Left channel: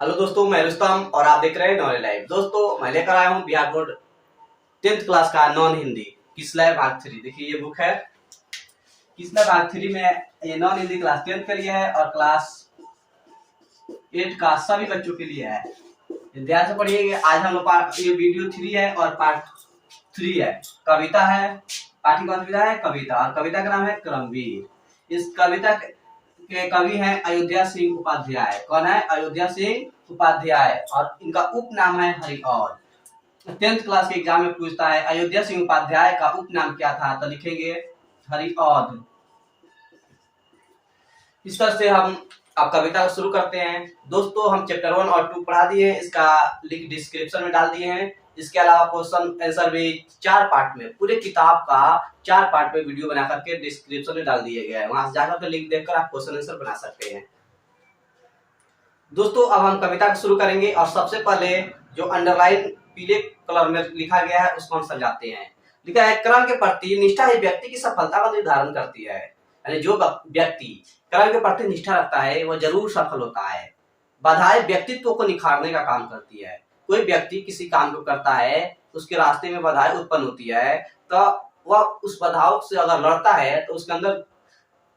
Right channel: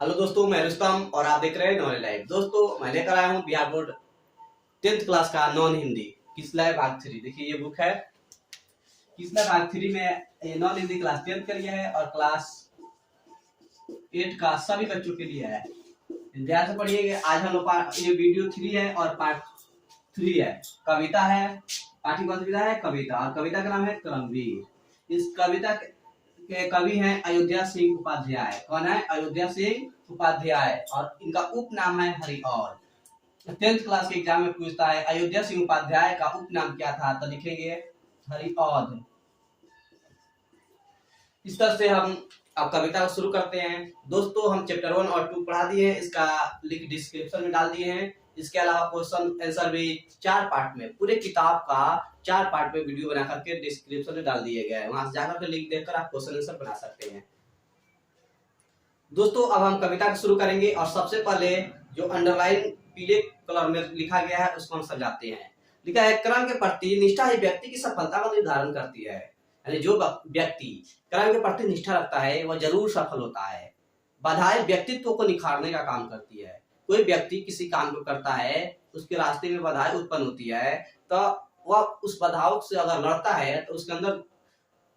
Hello दोस्तों, मैं रुस्तम और आप देख रहे हैं नॉलेज लाइव। दोस्तों, मैं लेकर आया हूँ बिहार बोर्ड 10th क्लास का नॉन हिंदी किसलय भाग 3। देखिए, ये बुक है किसलय भाग 3 में। ये नॉन हिंदी क्लास 10th के लिए है और क्लास 8 का सभी बच्चों के लिए है। ध्यान से पढ़िए। आज हम लोग ये वीडियो 3 है और पार्ट 3 है। कविता है, पाठ्य कौन सा है? कविता। और कविता का नाम है क्रमवीर। इस कविता के कवि हैं अयोध्या सिंह उपाध्याय। कौन है? अयोध्या सिंह उपाध्याय। और इनका उपनाम है हरिऔध। 10th क्लास के एग्जाम में पूछता है अयोध्या सिंह उपाध्याय का उपनाम क्या था, तो लिखेंगे हरिऔध। इस तरह से हम अब कविता को शुरू करते हैं। दोस्तों, हम चैप्टर 1 और 2 पढ़ा दिए हैं, इसका लिंक डिस्क्रिप्शन में डाल दिए हैं। इसके अलावा क्वेश्चन आंसर भी 4 पार्ट में, पूरे किताब का 4 पार्ट में वीडियो बना करके डिस्क्रिप्शन में डाल दिए गए हैं। वहां से जाकर के लिंक देखकर आप क्वेश्चन आंसर बना सकते हैं। दोस्तों, अब हम कविता को शुरू करेंगे और सबसे पहले जो अंडरलाइन पीले कलर में लिखा गया है उसको हम समझाते हैं। लिखा है, क्रम के प्रति निष्ठा ही व्यक्ति की सफलता का निर्धारण करती है। यानी जो व्यक्ति क्रम के प्रति निष्ठा रखता है वह जरूर सफल होता है। बाधाएं व्यक्तित्व को निखारने का काम करती है। कोई व्यक्ति किसी काम को करता है, उसके रास्ते में बाधाएं उत्पन्न होती है, तो वह उस बाधाओं से अगर लड़ता है तो उसके अंदर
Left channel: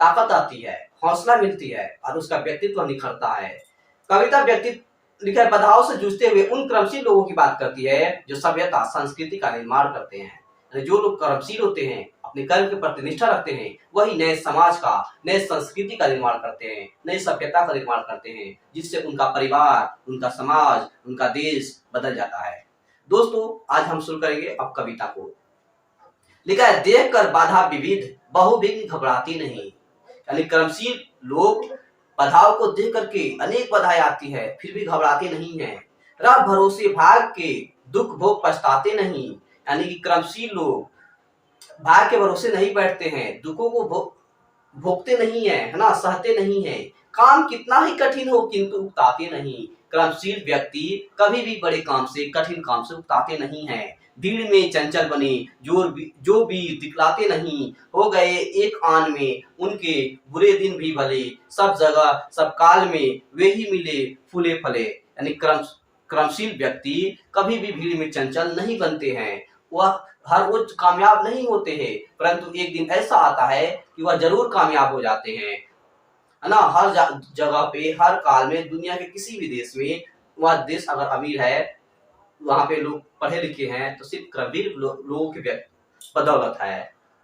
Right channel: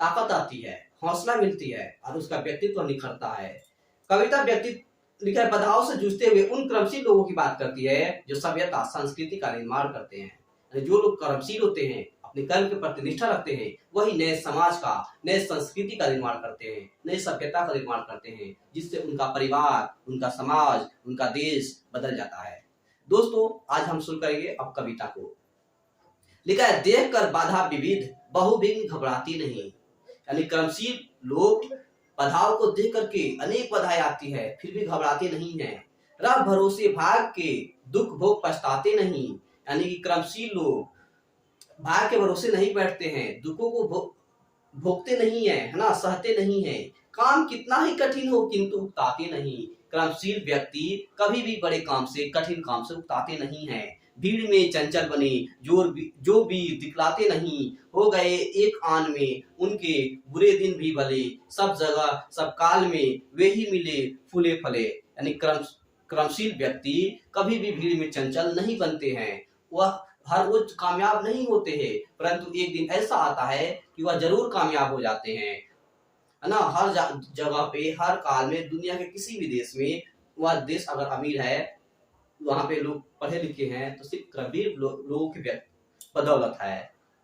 ताकत आती है, हौसला मिलती है और उसका व्यक्तित्व निखरता है। कविता व्यक्तित्व लिखा है, बाधाओं से जूझते हुए उन क्रमशील लोगों की बात करती है जो सभ्यता संस्कृति का निर्माण करते हैं। जो लोग कर्मशील होते हैं, अपने कर्म के प्रति निष्ठा रखते हैं, वही नए समाज का, नए संस्कृति का निर्माण करते हैं, नई सभ्यता का निर्माण करते हैं, जिससे उनका परिवार, उनका समाज, उनका देश बदल जाता है। दोस्तों, आज हम शुरू करेंगे अब कविता को। लिखा है, देख कर बाधा विविध बहुविघ्न घबराती नहीं। यानी कर्मशील लोग बाधाओं को देख करके, अनेक बाधाएं आती है फिर भी घबराते नहीं है। रब भरोसे भाग के दुख भोग पछताते नहीं। यानी कि कर्मशील लोग भाग के भरोसे नहीं बैठते हैं, दुखों को भोगते नहीं है ना, सहते नहीं है। काम कितना ही कठिन हो किंतु उकताते नहीं। कर्मशील व्यक्ति कभी भी बड़े काम से, कठिन काम से उकताते नहीं है। भीड़ में चंचल बने जो भी दिखलाते नहीं। हो गए एक आन में उनके बुरे दिन भी भले। सब जगह सब काल में वे ही मिले फूले फले। यानी क्रमशील व्यक्ति कभी भी भीड़ में चंचल नहीं बनते हैं। वह हर रोज कामयाब नहीं होते हैं, परंतु एक दिन ऐसा आता है कि वह जरूर कामयाब हो जाते हैं, है ना। हर जगह पे, हर काल में, दुनिया के किसी भी देश में, वह देश अगर अमीर है, वहां पे लोग पढ़े लिखे हैं, तो सिर्फ क्रमवीर लोगों की बदौलत है।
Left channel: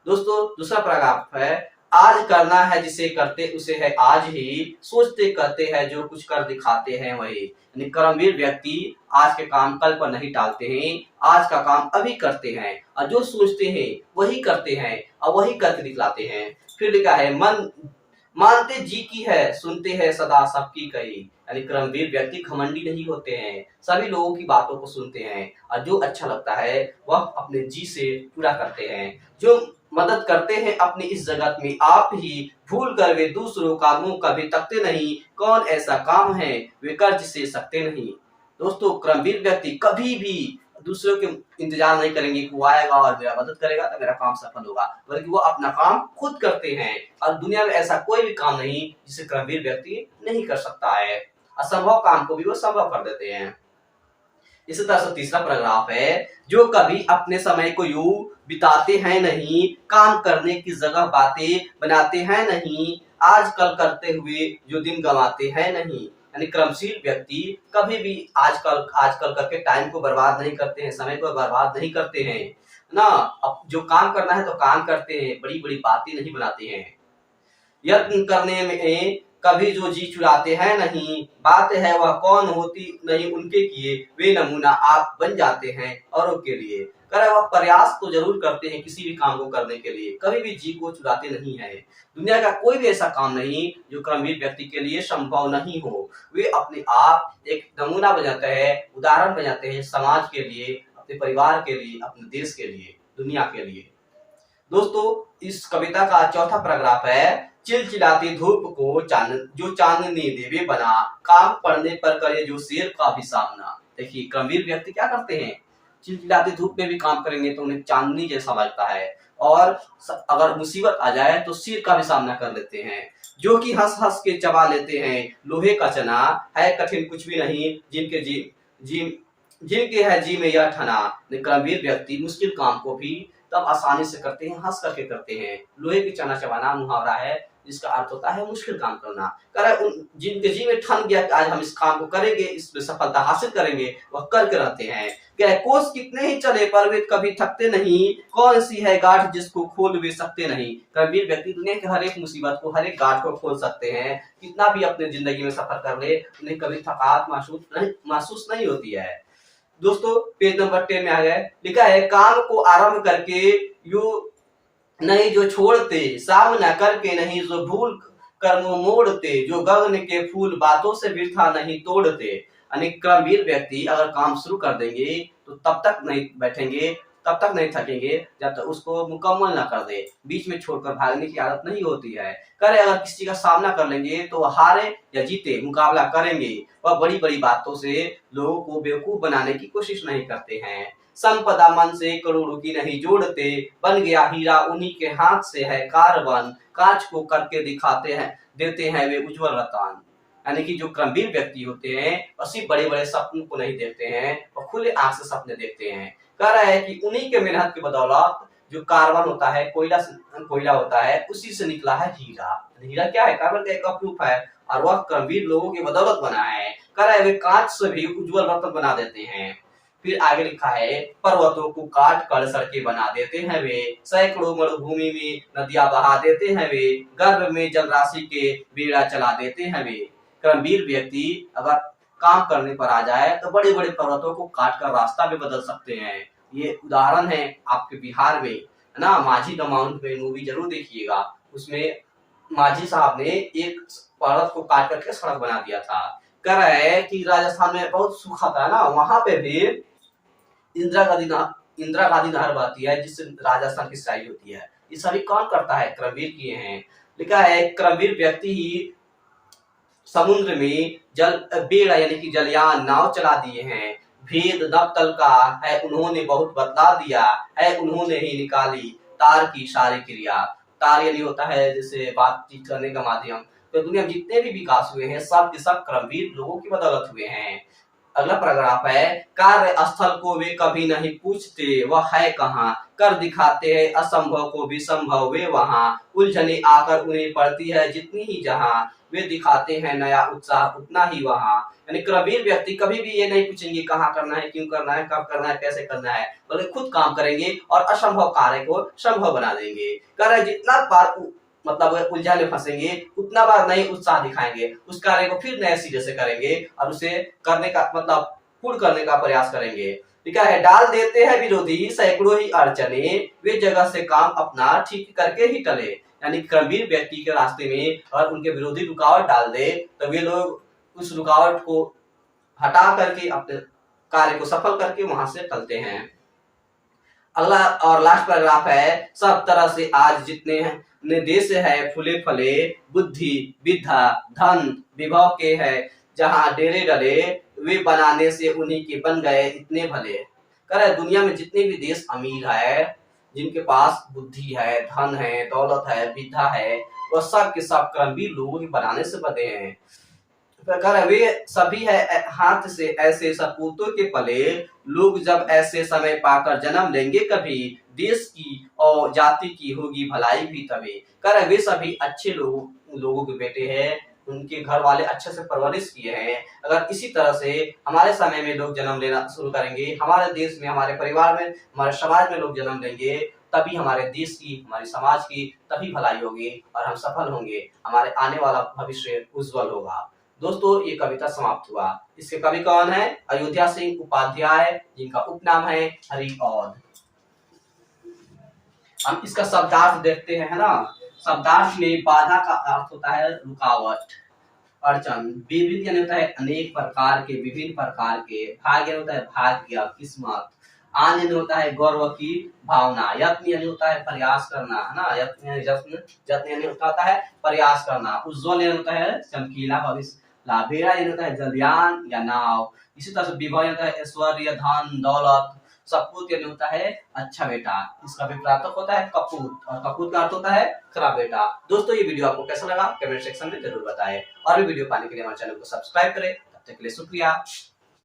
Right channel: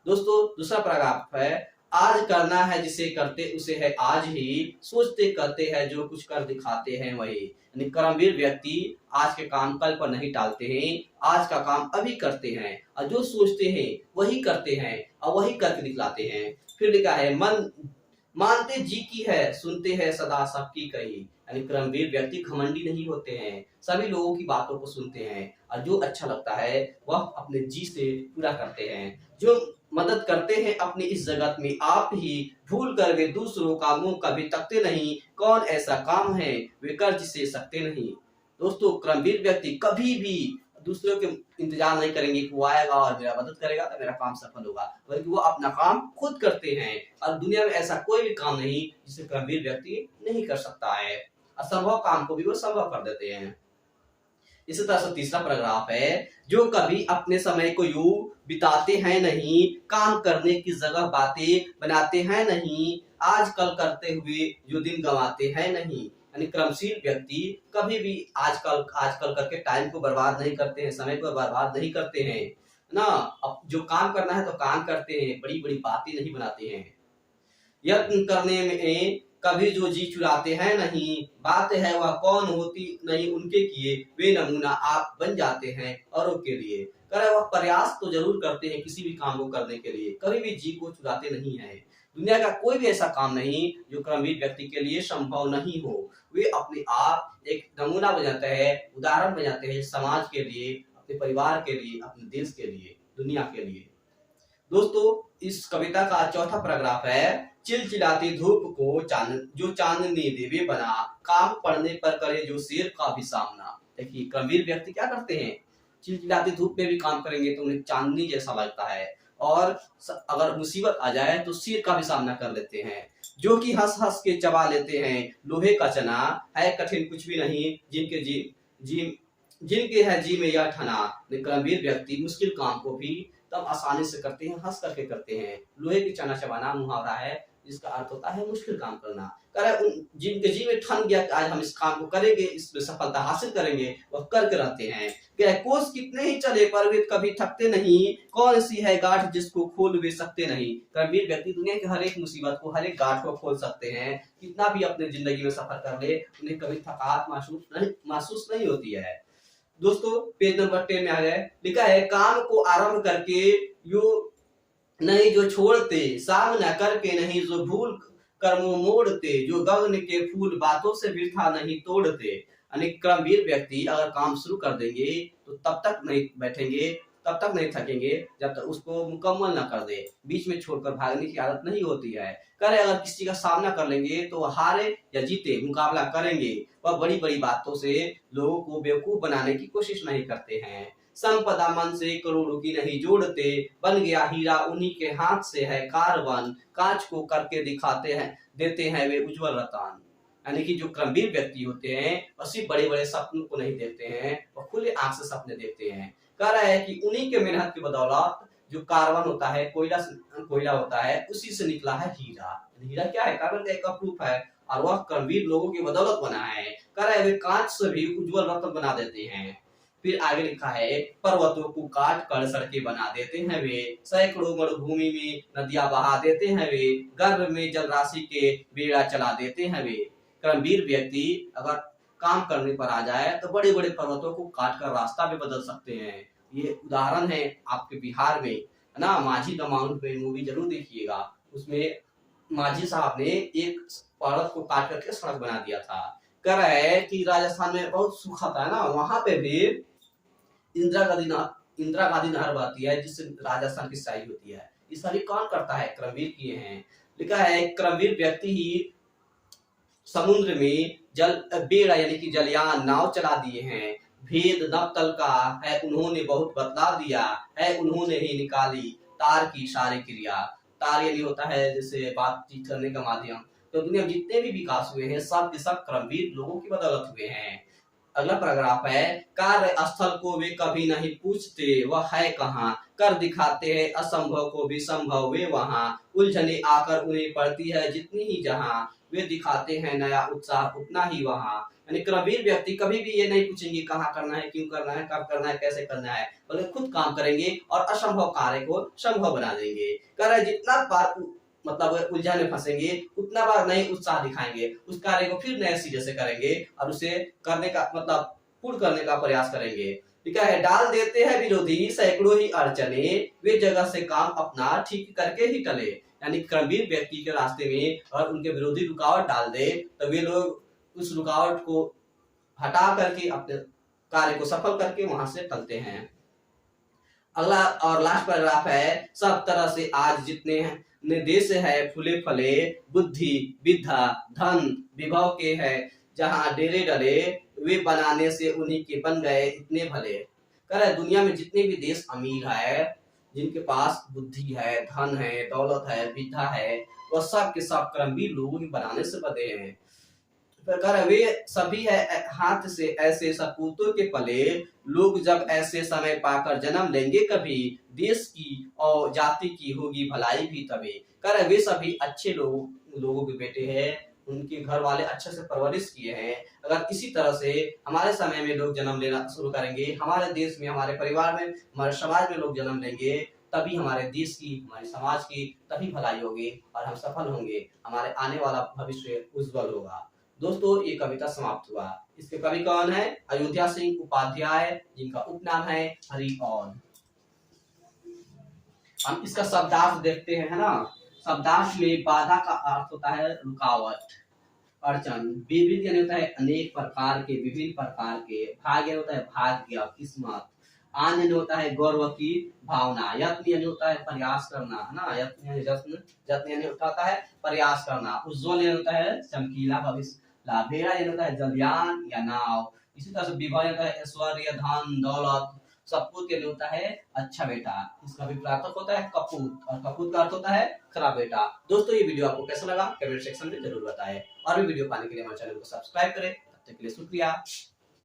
दोस्तों, दूसरा पैराग्राफ है, आज करना है जिसे करते उसे है आज ही। सोचते करते हैं जो कुछ कर दिखाते हैं वही। यानी कर्मवीर व्यक्ति आज के काम कल पर नहीं टालते हैं, आज का काम अभी करते हैं और जो सोचते हैं वही करते हैं और वही करके दिखलाते हैं। फिर लिखा है, मन मानते जी की है, सुनते हैं सदा सबकी कही। यानी क्रमवीर व्यक्ति घमंडी नहीं होते हैं, सभी लोगों की बातों को सुनते हैं और जो अच्छा लगता है वह अपने जी से पूरा करते हैं। जो मदद करते हैं अपनी इस जगत में आप ही, भूल कर वे दूसरों का मुंह कभी तकते नहीं। कौन ऐसा काम है वे कर जिसे सकते नहीं। दोस्तों, क्रमवीर व्यक्ति कभी भी दूसरों के इंतजार नहीं करेंगे कि वो आएगा और मेरा मदद करेगा तो मेरा काम सफल होगा, बल्कि वो अपना काम खुद करते हैं। और दुनिया में ऐसा कोई भी काम नहीं जिसे क्रमवीर व्यक्ति नहीं कर सकता है। असंभव काम को भी वो संभव कर देते हैं। इसी तरह से तीसरा पैराग्राफ है, जो कभी अपने समय को यूं बिताते हैं नहीं, काम करने की जगह बातें बनाते हैं नहीं, आजकल करते हुए जो दिन गंवाते हैं नहीं। यानी क्रमशील व्यक्ति कभी भी आजकल आजकल करके टाइम को बर्बाद नहीं करते हैं, समय को बर्बाद नहीं करते हैं ना। अब जो काम करना है तो काम करते हैं, बड़ी बड़ी बातें नहीं बनाते हैं। यत्न करने में कभी जो जी चुराते हैं नहीं, बात है वह कौन होती नहीं उनके किए, वे नमूना आप बन जाते हैं औरों के लिए। कर वह प्रयास तो जरूर करते हैं किसी भी काम को करने के लिए, कभी भी जी को चुराते नहीं है। दुनिया का कोई भी ऐसा काम नहीं जो क्रमवीर व्यक्ति के लिए संभव नहीं हो। वे अपने आप एक नमूना बन जाते हैं, उदाहरण बन जाते हैं समाज के लिए, अपने परिवार के लिए, अपने देश के लिए, दुनिया के लिए। दोस्तों, इस कविता का चौथा पैराग्राफ है, चिलचिलाती धूप को जो चांदनी देवे बना, काम पड़ने पर करे जो शेर का भी सामना। देखिए, क्रमवीर व्यक्ति क्या करते हैं, चिलचिलाती धूप में भी काम करेंगे तो उन्हें चांदनी जैसा लगता है और अगर मुसीबत आ जाए तो सिर का भी सामना कर लेते हैं। जो कि हंस हंस के चबा लेते हैं लोहे का चना, है कठिन कुछ भी नहीं जिनके है जी में यह ठना। गंभीर व्यक्ति मुश्किल काम को भी तब आसानी से करते हैं, हंस करके करते हैं। लोहे की चना चबाना मुहावरा है जिसका अर्थ होता है मुश्किल काम करना। जिनके जी में ठन गया कि आज हम इस काम को करेंगे, इसमें सफलता हासिल करेंगे, वह करके रहते हैं। क्या कोस कितने ही चले पर वे कभी थकते नहीं, कौन सी है गांठ जिसको खोल भी सकते नहीं। गंभीर व्यक्ति दुनिया की हर एक मुसीबत को, हर एक गांठ को खोल सकते हैं। कितना भी अपने जिंदगी में सफर कर ले, उन्हें कभी थकावट महसूस नहीं होती है। दोस्तों पेज नंबर 10 में आ गए, लिखा है काम को आरंभ करके यू नहीं जो छोड़ते, साम न करके नहीं जो भूल कर्म मोड़ते, जो गगन के फूल बातों से वृथा नहीं तोड़ते। यानी गंभीर व्यक्ति अगर काम शुरू कर देंगे तो तब तक नहीं बैठेंगे, तब तक नहीं थकेंगे जब तक उसको मुकम्मल ना कर दे। बीच में छोड़कर भागने की आदत नहीं होती है। करे अगर किसी का सामना कर लेंगे तो हारे या जीते मुकाबला करेंगे। वह बड़ी बड़ी बातों से लोगों को बेवकूफ बनाने की कोशिश नहीं करते हैं। संपदा मन से करोड़ों की नहीं जोड़ते, बन गया हीरा उन्हीं के हाथ से है कारबन, कांच को करके दिखाते हैं देते हैं वे उज्जवल रतन। यानी कि जो गंभीर व्यक्ति होते हैं वह बड़े बड़े सपनों को नहीं देखते हैं, और खुले आंख से सपने देखते हैं। कह रहा है कि उन्हीं के मेहनत की बदौलत जो कार्बन होता है, कोयला होता है, उसी से निकला है हीरा। हीरा क्या है? कार्बन का एक अपरूप है, और वह गंभीर लोगों की बदौलत बना है। कह रहा है वे कांच से भी उज्जवल रत्न बना देते हैं। फिर आगे लिखा है पर्वतों को काट कर सड़कें बना देते हैं वे, सैकड़ों मरुभूमि में नदियां बहा देते हैं वे, गर्भ में जल राशि के बेड़ा चला देते हैं वे। गंभीर व्यक्ति अगर काम करने पर आ जाए तो बड़े बड़े पर्वतों को काट कर रास्ता भी बदल सकते हैं। ये उदाहरण है आपके बिहार में, है ना। माझी द माउंटेन मूवी जरूर देखिएगा, उसमें माझी साहब ने एक पर्वत को काट करके सड़क बना दिया था। कह रहा है कि राजस्थान में बहुत सूखा था ना, वहां पे भी इंदिरा गांधी नहर बहती है जिससे राजस्थान की सिंचाई होती है। ये सभी कौन करता है? क्रमवीर किए हैं। लिखा है क्रमवीर व्यक्ति ही समुद्र में जल बेड़ा यानी कि जलयान नाव चला दिए हैं। भेद नव तल का है उन्होंने बहुत बतला दिया है, उन्होंने ही निकाली तार की सारी क्रिया। तार यानी होता है जैसे बातचीत करने का माध्यम। तो दुनिया में जितने भी विकास हुए हैं सब के सब क्रमवीर लोगों की बदौलत हुए हैं। अगला पैराग्राफ है कार्य स्थल को वे कभी नहीं पूछते वह है कहाँ, कर दिखाते हैं असंभव को भी संभव वे वहाँ, उलझने आकर उन्हें पड़ती है जितनी ही जहाँ, वे दिखाते हैं नया उत्साह उतना ही वहाँ। यानी क्रमवीर व्यक्ति कभी भी ये नहीं पूछेंगे कहाँ करना है, क्यों करना है, कब करना है, कैसे करना है, बल्कि खुद काम करेंगे और असंभव कार्य को संभव बना देंगे। कार्य जितना बार मतलब उलझन में फंसेंगे उतना बार नई उत्साह दिखाएंगे, उस कार्य को फिर नए सिरे से करेंगे और उसे करने का मतलब पूर्ण करने का प्रयास करेंगे। लिखा है डाल देते हैं विरोधी सैकड़ों ही अड़चने, वे जगह से काम अपना ठीक करके ही टले। यानी गंभीर व्यक्ति के रास्ते में अगर उनके विरोधी रुकावट डाल दे तो वे लोग उस रुकावट को हटा करके अपने कार्य को सफल करके वहां से टलते हैं। अगला और लास्ट पैराग्राफ है सब तरह से आज जितने हैं देश है फुले फले, बुद्धि विद्या धन विभव के है जहां डेरे डले, वे बनाने से उन्हीं के बन गए इतने भले। कह रहे दुनिया में जितने भी देश अमीर है, जिनके पास बुद्धि है, धन है, दौलत है, विद्या है, वह सब के सब गंभीर लोगों के बनाने से बने हैं। वे सभी है हाथ से ऐसे सपूतों के पले, लोग जब ऐसे समय पाकर जन्म लेंगे कभी, देश की और जाति की होगी भलाई भी तभी। कर वे सभी अच्छे लोगों के बेटे हैं, उनके घर वाले अच्छे से परवरिश किए हैं। अगर इसी तरह से हमारे समय में लोग जन्म लेना शुरू करेंगे, हमारे देश में, हमारे परिवार में, हमारे समाज में लोग जन्म लेंगे, तभी हमारे देश की, हमारे समाज की तभी भलाई होगी और हम सफल होंगे, हमारे आने वाला भविष्य उज्जवल होगा। दोस्तों ये कविता समाप्त हुआ। इसके कवि कौन है? अयोध्या सिंह उपाध्याय, जिनका उपनाम है हरिऔध। हम इसका शब्दार्थ देखते हैं, है ना। शब्दार्थ में बाधा का अर्थ होता है रुकावट, अड़चन। विविध यानी होता है अनेक प्रकार के, विभिन्न प्रकार के। भाग्य होता है भाग्य, किस्मत। आन यानी होता है गौरव की भावना। यत्न यानी होता है प्रयास करना, है ना। यत्न यानी होता है प्रयास करना। उज्जवल यानी होता है चमकीला भविष्य। लाभेरा यानी होता है जलयान या नाव। इसी तरह से विभव यानी होता है ऐश्वर्य, धन, दौलत। सपूत यानी होता है अच्छा बेटा, इसका विपरीत होता है कपूत, और कपूत का अर्थ होता है खराब बेटा। दोस्तों ये वीडियो आपको कैसा लगा कमेंट सेक्शन में जरूर बताएं, और भी वीडियो पाने के लिए हमारे चैनल को सब्सक्राइब करें। तब तक के लिए शुक्रिया।